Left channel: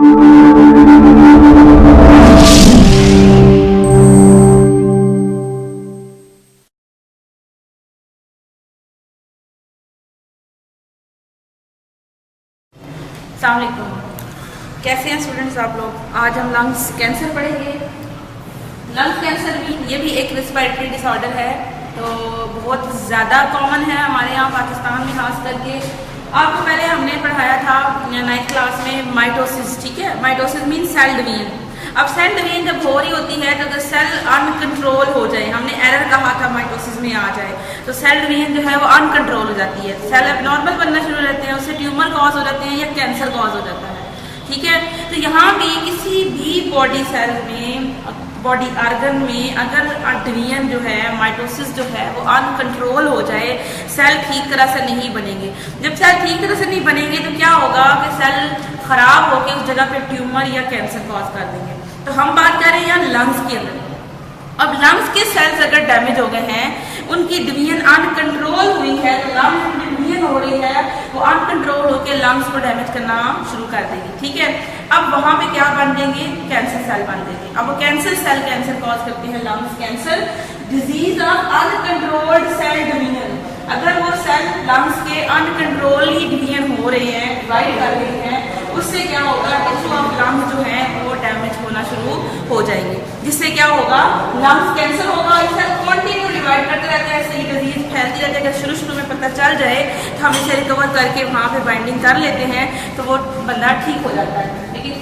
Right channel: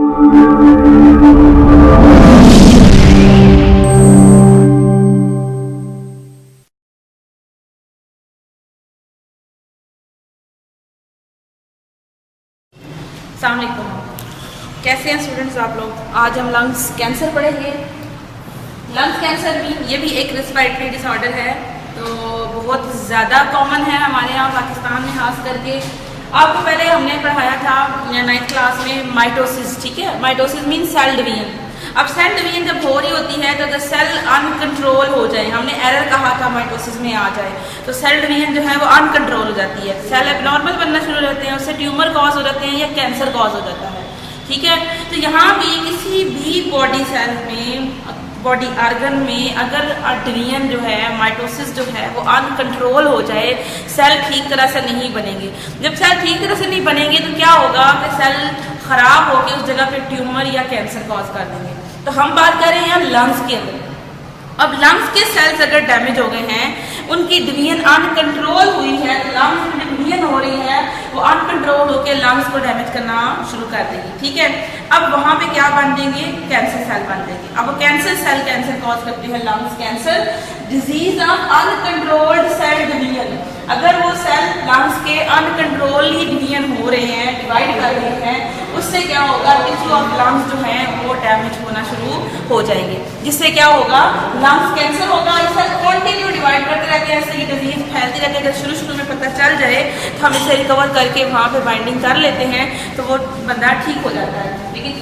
अस्सलाम वालेकुम, कैसे हैं स्टूडेंट्स आप लोग। आज हम लंग्स कैंसर पढ़ेंगे। लंग्स कैंसर भी ये भी एक रेस्पिरेटरी डिसऑर्डर है, तो बहुत ज़्यादा कॉमन है हमारे यहाँ पाकिस्तान में खास करके। आपको पहले हमने पढ़ाया था 9th क्लास में माइटोसिस, ठीक है। Mitosis mean cell division. अब सेल डिवीजन जब हो रही होती है तो अगर सेल अनकंट्रोल हो जाए, हमने एरर कहा था माइटोसिस में आ जाए, तो सेल डिवीजन जो है वो अनकंट्रोल हो जाती है, सेल एबनॉर्मल बनना शुरू हो जाते हैं, उससे ट्यूमर कॉज हो जाते हैं या कैंसर कॉज हो जाता है, ठीक है। तो यहाँ भी किसी भी बॉडी सेल में, बॉडी आर्गन में अगर डिवीजन जो है, माइटोसिस जो है वो अनकंट्रोल हो जाए, सेल ठीक तरह से नहीं बनेंगे। जब सेल ठीक तरह से नहीं बनेंगे तो क्या होगा कि सेल खराब होकर उस जगह पे ट्यूमर या कैंसर कॉज कर देंगे। तो हम बात कर रहे हैं यहाँ लंग्स के अंदर। अब लंग्स के सेल्स अगर डैमेज हो गए हैं, उनकी डिवीजन अनकंट्रोल हुई है, तो लंग्स में डिवीजन हो रही है वो अनकंट्रोल होकर लंग्स को डैमेज करना शुरू कर देगी, ठीक है। अब वहां पे क्या बन जाएंगे, कैंसर सेल बन जाएंगे। अब वो कैंसर सेल कैंसर कॉज करते हैं, lungs cancer disease of uncontrolled cell division. अगर वो सेल लंग्स के अनकंट्रोल ही डिवीजन हो रहे हैं, डिवाइड कर रहे हैं, उससे क्या होगा, टिश्यू ऑफ लंग्स जो है वो डैमेज होना शुरू हो जाएंगे, जिससे क्या होगा, लंग्स कैंसर होगा। ये सेल कंटिन्यू डिवाइड करते रहते हैं, ऐसे ही डिजीज फैलती रहती है। अगर शुरू में पता चल जाए तो हम इसे रिकवर करके वहाँ पे बाइंडिंग कर लेते हैं तो वो बंदा ठीक हो जाता है। लेकिन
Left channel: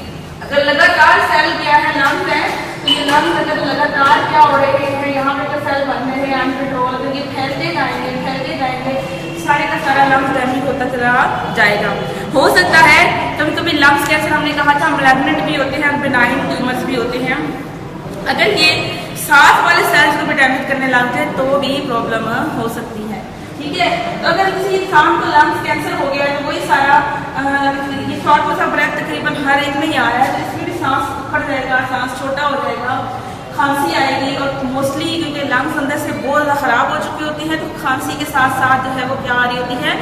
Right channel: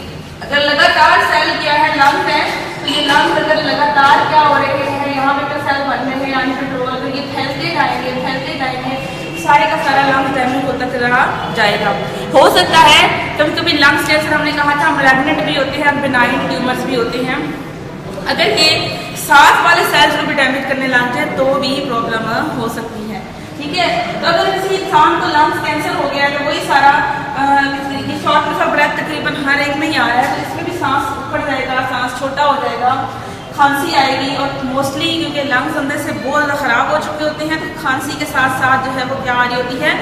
अगर लगातार सेल क्या है, लंग्स है, तो ये लंग्स अगर लगातार क्या हो रहे हैं, यहाँ पे तो सेल बन रहे हैं अनकंट्रोल, तो ये फैलते जाएंगे, सारे का सारा लंग्स डैमेज होता चला जाएगा। हो सकता है कभी कभी लंग्स कैंसर, हमने कहा था मैलिग्नेंट भी होते हैं, बिनाइन ट्यूमर्स भी होते हैं। अगर ये साथ वाले सेल्स को भी डैमेज करने लग जाए तो भी प्रॉब्लम हो सकती है, ठीक है। तो अगर किसी इंसान को लंग्स कैंसर हो गया तो वही सारा ये शॉर्टनेस ऑफ ब्रेथ तकरीबन हर एक में ही आ रहा है, तो इसमें भी सांस ऊपर जाएगा, सांस छोटा हो जाएगा, खांसी आएगी। और मोस्टली क्योंकि लंग्स अंदर से बहुत ज़्यादा ख़राब हो चुके होते हैं, तो खांसी के साथ साथ जो है वो क्या आ रही होती है,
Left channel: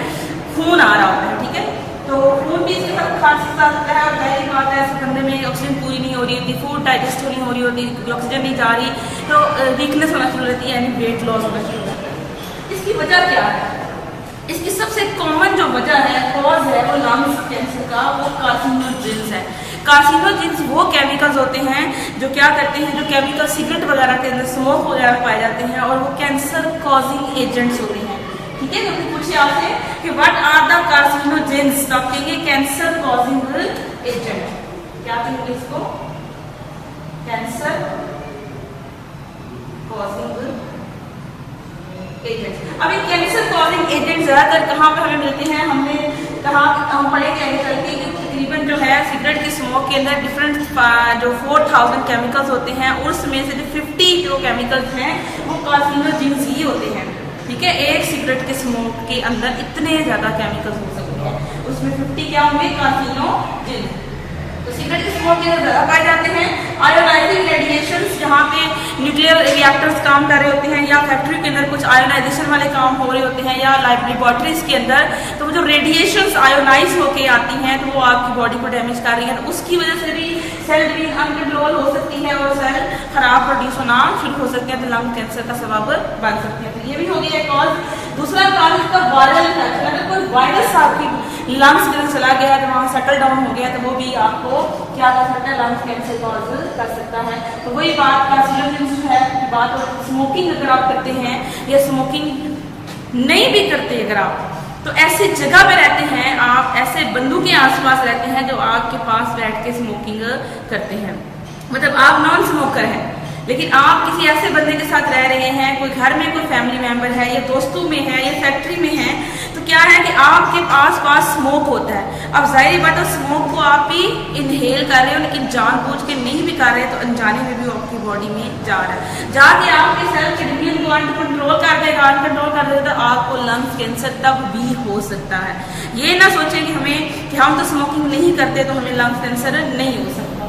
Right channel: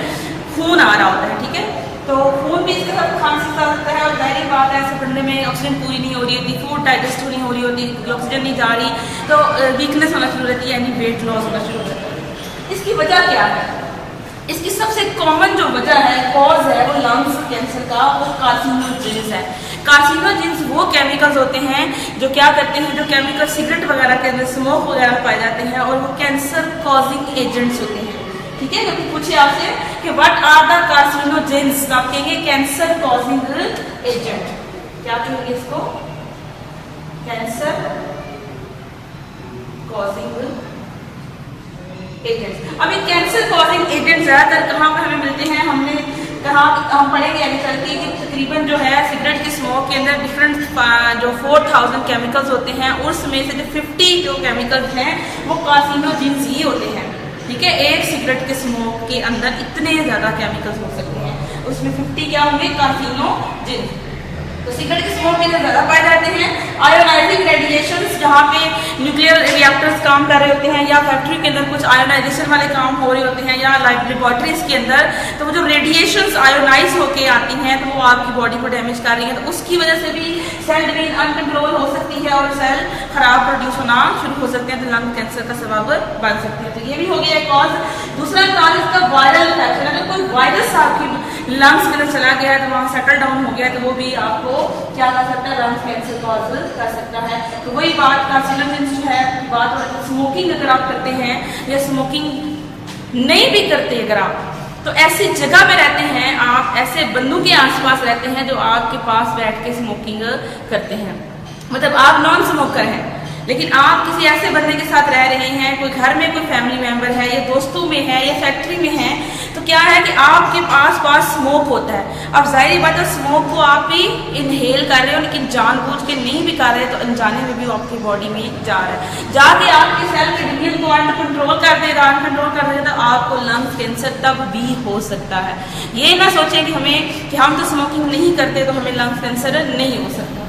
खून आ रहा होता है, ठीक है। तो खून भी इसके साथ खांसी के साथ होता है, और जाहिर बात है ऐसे कंधे में ऑक्सीजन पूरी नहीं हो रही होती, फूड डाइजेस्ट नहीं हो रही होती, ऑक्सीजन नहीं जा रही, तो वीकनेस होना शुरू रहती है, यानी वेट लॉस होना शुरू होता है। इसकी वजह क्या है? इसकी सबसे कॉमन जो वजह है, कॉज है, वो लंग्स कैंसर का, वो कार्सिनोजेंस है। कार्सिनोजेंस वो केमिकल्स होते हैं जो क्या करते हैं, जो केमिकल सिगरेट वगैरह के अंदर, स्मोक वगैरह पाए जाते हैं, और वो कैंसर कॉजिंग एजेंट्स होते हैं, ठीक है। तो पूछे आपसे कि व्हाट आर द कार्सिनोजेंस, आप कहेंगे कैंसर कॉजिंग एजेंट। क्या कहेंगे इसको? Cancer causing agents. अब ये कैंसर कॉजिंग एजेंट ज्यादातर कहाँ पर हमें मिलते हैं? हमने कहा, हम पढ़ेंगे आगे चल के कि तकरीबन जो है सिगरेट की स्मोक के अंदर डिफरेंट जो 4000 केमिकल्स होते हैं, उसमें से जो 50 जो केमिकल्स हैं वो कार्सिनोजेंस ही होते हैं, ठीक है। एक सिगरेट के स्मोक के अंदर इतने ज्यादा केमिकल्स हो सकते हैं, उसमें 50 क्या होंगे, कार्सिनोजेंस। तो सिगरेट के स्मोक में ज़्यादा पाए जाते हैं। आयोनाइजिंग रेडिएशंस, जहाँ पे न्यूक्लियर रिएक्टर्स काम कर रहे होते हैं, या फैक्ट्री के अंदर कुछ आयोनाइजेशन वाले काम हो रहे होते हैं, या लेबोरेटरीज के अंदर, तो वो जो रेडिएशंस आयोनाइज होके आती हैं तो वो आपकी बॉडी को डैमेज कर रही हैं, तो उसकी वजह से भी सेल डिवीजन अनकंट्रोल हो सकती है और सेल खराब प्रोड्यूस होना शुरू हो सकते हैं, तो लंग कैंसर का सबब बन सकते हैं। तो ये भी हो गया एक कॉज। दूसरा कॉज इसका वायरल इन्फेक्शन। अगर कोई वायरस आपकी लंग्स के अंदर चला गया है, तो वहाँ सेटल डाउन हो गया, तो वो भी आपको क्या कर सकता है, लंग्स कैंसर कॉज कर सकता है। तो वही बात कार्सिनोजेंस जो है, बात हो रही है स्मोकिंग अगर आप करते हैं या स्मोकिंग नहीं भी करते, अगर आप तो ऐसी जगह पे रहते हैं, आप ऐसे बंदों के आसपास रहते हैं जो आपके पास बैठ के स्मोकिंग करते हैं, मतलब आप नॉन स्मोकर हैं, लेकिन आप किसी ऐसे बंदे के साथ रह रहे हैं, कोई घर में कोई फैमिली मेंबर है, या दोस्तों में है, या फैक्ट्री में है, तो क्या है कि आपके आस पास स्मोक होता है। अब जाहिर बात है स्मोक को आप भी इनहेल कर रहे हो, लेकिन जानबूझ के नहीं भी कर रहे, तो अनजाने में भी आपकी बॉडी में जा रहा है, जाके आपके सेल के डिवीजन को अनकंट्रोल कर देगा, तो आपको लंग कैंसर तब भी हो सकता है। ये ना सोचें कि हम तो स्मोकिंग नहीं करते तो हमें लंग कैंसर नहीं हो सकता।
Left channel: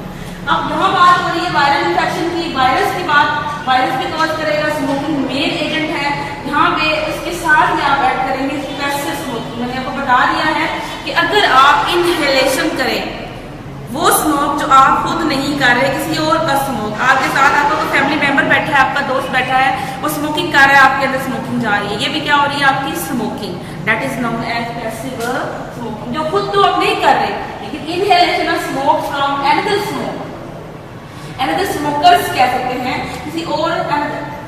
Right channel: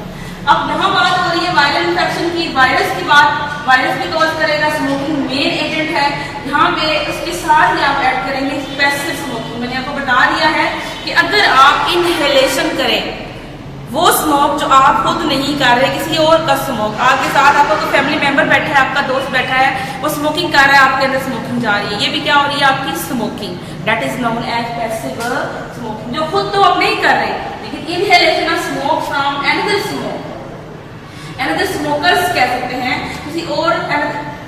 अब यहाँ बात हो रही है वायरल इन्फेक्शन की, वायरस की बात, वायरस भी कॉज करेगा, स्मोकिंग मेन एजेंट है। यहाँ पे उसके साथ ही आप ऐड करेंगे पैसिव स्मोकिंग। मैंने आपको बता दिया है कि अगर आप इनहेलेशन करें वो स्मोक जो आप खुद नहीं कर रहे, किसी और का स्मोक, आपके साथ आपका कोई फैमिली मेंबर बैठा है, आपका दोस्त बैठा है, वो स्मोकिंग कर रहा है, आपके अंदर स्मोकिंग जा रही है, ये भी क्या हो रही है, आपकी smoking. That is known as passive smoking, जो खुद तो आप नहीं कर रहे, लेकिन inhalation of smoke from another smoke, another smokers कह सकते हैं, किसी और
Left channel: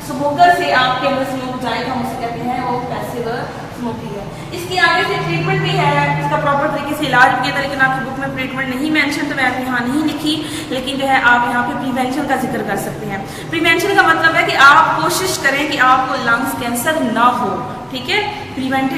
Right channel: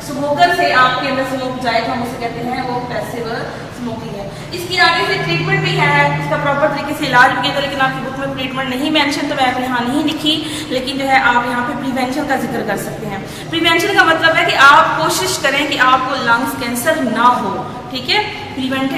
स्मोकर से आपके अंदर स्मोक जाए तो हम उसे कहते हैं वो पैसिव स्मोकिंग है। इसकी आगे से ट्रीटमेंट भी है, इसका प्रॉपर तरीके से इलाज भी है, लेकिन आपकी बुक में ट्रीटमेंट नहीं मेंशन, तो मैं यहाँ नहीं लिखी, लेकिन जो है आप यहाँ पे प्रिवेंशन का जिक्र कर सकते हैं। प्रिवेंशन का मतलब है कि आप कोशिश करें कि आपको लंग्स कैंसर ना हो, ठीक है। प्रिवेंट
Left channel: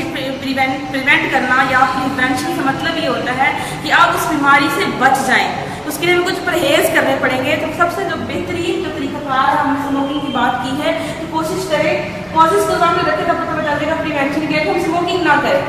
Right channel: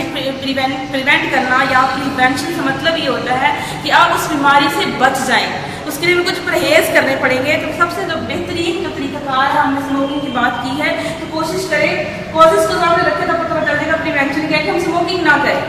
करना या प्रिवेंशन का मतलब ये होता है कि आप उस बीमारी से बच जाएं, उसके लिए भी कुछ परहेज करने पड़ेंगे। तो सबसे जो बेहतरीन जो तरीकाकार है, हमने स्मोकिंग की बात की है, तो कोशिश करें कॉजेज को सामने रखें, तब पता चल जाएगा प्रिवेंशन क्या है, हम स्मोकिंग ना करें,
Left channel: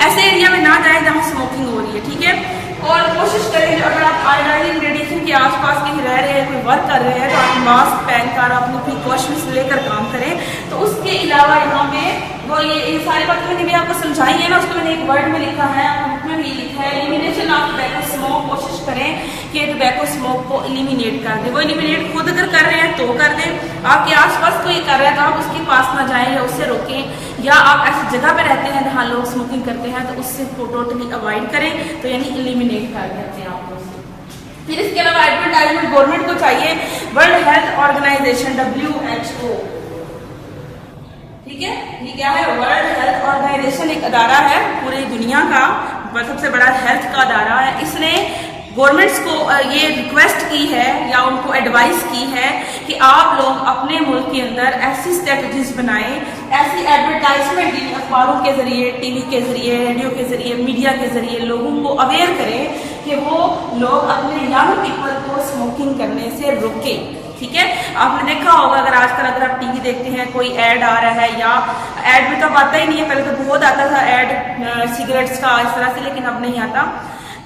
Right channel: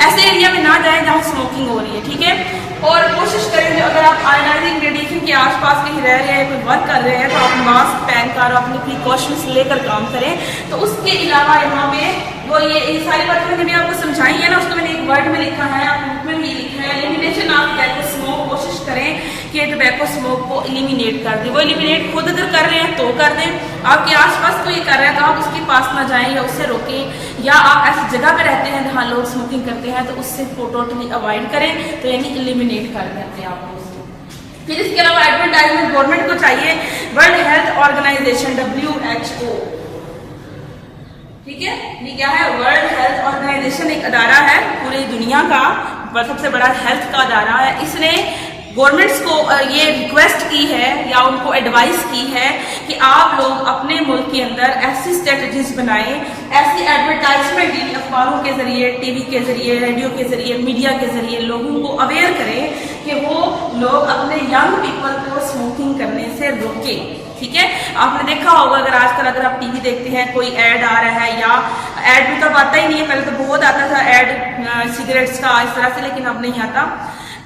ऐसे एरिया में ना जाए जहाँ स्मोकिंग हो रही है, ठीक है। और कोशिश करें जो अगर आप आयोनाइजिंग रेडिएशन के आसपास कहीं रह रहे हैं, कोई वर्क कर रहे हैं, तो आप मास्क पहनकर अपनी प्रिकॉशंस लेकर काम करें। तो उसके अलावा यहाँ पे वो ये सारी बातें भी आपको समझाई है ना, उसको मैंने एक वर्ड में लिखा है, आप बुक में भी लिखा है, एलिमिनेशन ऑफ टोबैको स्मोक। कोशिश करें कि टोबैको स्मोक को एलिमिनेट कर दें। वो एलिमिनेट खुद अगर कर रहे हैं तो कर दें, आपके आसपास कोई कर रहा है तो आप उसके पास ना जाएं या उससे रोकें, या आप ऐसी जगह पे रहते हैं जहाँ लोग स्मोकिंग करते हैं तो उससे टोटली अवॉइड करें, तो यानी एलिमिनेट कर देते हैं आप उससे। फिर इसके अलावा एडवर्टाइजमेंट गवर्नमेंट को चाहिए, वर्ल्ड हेल्थ ऑर्गेनाइजेशन WHO, ठीक है, ये क्या है, वर्ल्ड हेल्थ ऑर्गेनाइजेशन एक अदारा है पूरी दुनिया का, सबसे बड़ा हेल्थ का अदारा है। इसने गवर्नमेंट्स को ये रिक्वेस्ट की है या उनको एडवाइस की है कि आप लोग अपने मुल्क के अंदर ऐसी स्ट्रेटजीज बनाएं, ऐसी एडवर्टाइजमेंट अखबारों के जरिए, टीवी के जरिए, रेडियो के जरिए, मीडिया के जरिए लोगों को अवेयर करें कि वो लोग अपने यंग पीपल को स्मोकिंग करने से रोकें, ठीक है। आपने देखा होगा अगर आजकल अगर आप टीवी देखते हैं, कोई ऐड आ रहा है, या ऐड में तो अब आता ही नहीं है, पहले तो बहुत आता था ऐड सिगरेट्स का इस तरह से, लेकिन अब नहीं आता,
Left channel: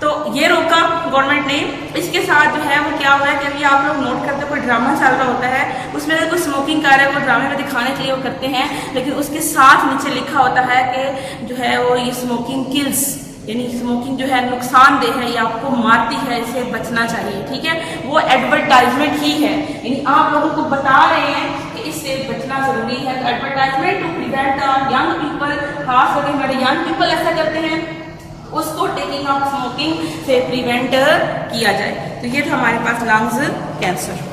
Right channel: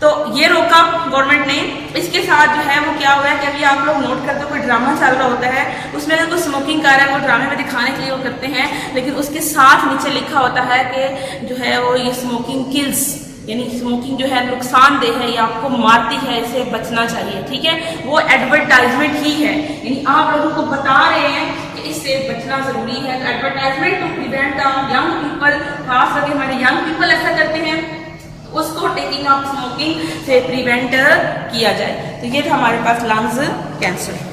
तो ये रोका गवर्नमेंट ने। इसके साथ जो है वो क्या हुआ है कि अभी आप लोग नोट करते हो कोई ड्रामा चल रहा होता है, उसमें अगर कोई स्मोकिंग कर रहा है, वो ड्रामे में दिखाने के लिए वो करते हैं, लेकिन उसके साथ नीचे लिखा होता है कि जो है वो ये स्मोकिंग किल्स, यानी स्मोकिंग जो है नुकसानदेह है, ये आपको मारती है, इससे बचना चाहिए, ठीक है। वो एडवर्टाइजमेंट ही है, यानी आप लोगों को बता रहे हैं कि इससे बचना जरूरी है। Advertisement to prevent young people, खास करके हमारे यंग पीपल ऐसा करते हैं, उसको टेकिंग ऑफ स्मोकिंग से प्रिवेंट किया जाए। तो ये था हमारे पास लंग्स कैंसर।